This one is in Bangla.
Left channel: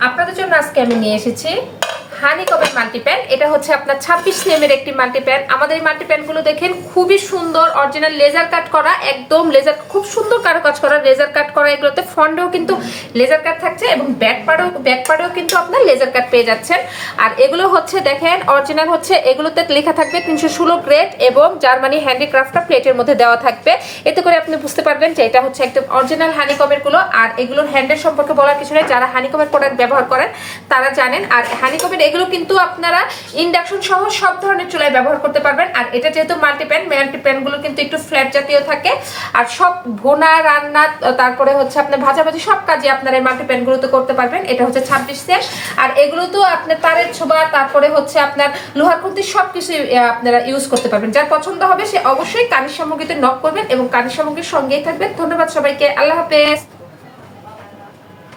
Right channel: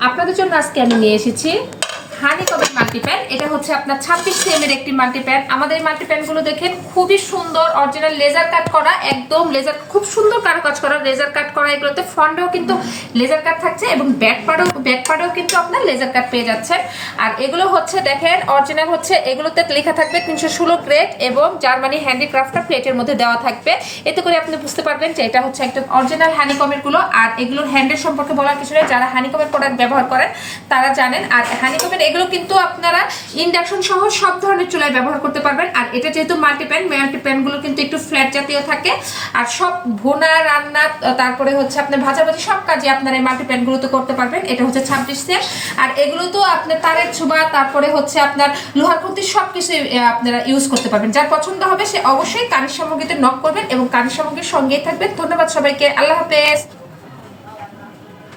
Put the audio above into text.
আপনাদের জন্য আজকে আমি নিয়ে এসেছি হানি কবের মাল্টিপ্যান এটা হচ্ছে আপনার ছাব্বিশ সিএম এর একটি মাল্টিপ্যান আমাদের এই মাল্টিপ্যানগুলো দেখেন, খুবই সুন্দর অরিজিনাল লেজার কাট করা, একদম লেজার খুব সুন্দর কারও কাজ করা লেজার কাট করা এগুলোতে। ফন্ডেও কিন্তু লেজার কাট থাকছে এবং ব্যাক পাড়েও ব্যাক পাড়েও কিন্তু আপনার লেজার কাট পেয়ে যাচ্ছেন। আর এগুলো হচ্ছে দেখেন অরিজিনাল হচ্ছে, এগুলোতে লেখা থাকবে তিনশো ষোলো গ্রেড এবং জার্মানি হ্যান্ডিক্রাফটটা প্লেটের মধ্যে দেওয়া থাকবে। এতে করে আপনি বুঝতে পারবেন যে এটা হচ্ছে একদম অরিজিনাল হানিকমেরগুলো। আর এগুলোর হ্যান্ডেল সম্পর্কে বলার কিছু নেই। যারা হানিকমের প্রোডাক্ট ব্যবহার করেন, তারা জানেন। আর হানিকমের এগুলো কিন্তু আপনারা ইন্ডাকশন সহ সব ধরনের চুলায় ব্যবহার করতে পারবেন। আর এটা যেহেতু মাল্টিপ্যান মাল্টিপ্যানগুলো কিন্তু একটু ফ্ল্যাট জাতীয় থাকে। আর সব ভোনা, রান্না, তারপরে হচ্ছে আপনার ভাজাভাজি সব কাজে আপনারা এই মাল্টিপ্যান গুলোতে করতে পারবেন। এটা হচ্ছে ছাব্বিশ সেট। আর এগুলো তো আপনার তারের ছোবা তারপরে হচ্ছে আপনার লোহার খুন্তি সব কিছু আপনারা ইউজ করতে পারবেন। যার পছন্দ হবে সে অবশ্যই কানের সামগ্রীতে নক করবেন এবং কানের সামগ্রীর সঙ্গেই থাকবেন। ধন্যবাদ সবাইকে। আল্লাহ হাফেজ।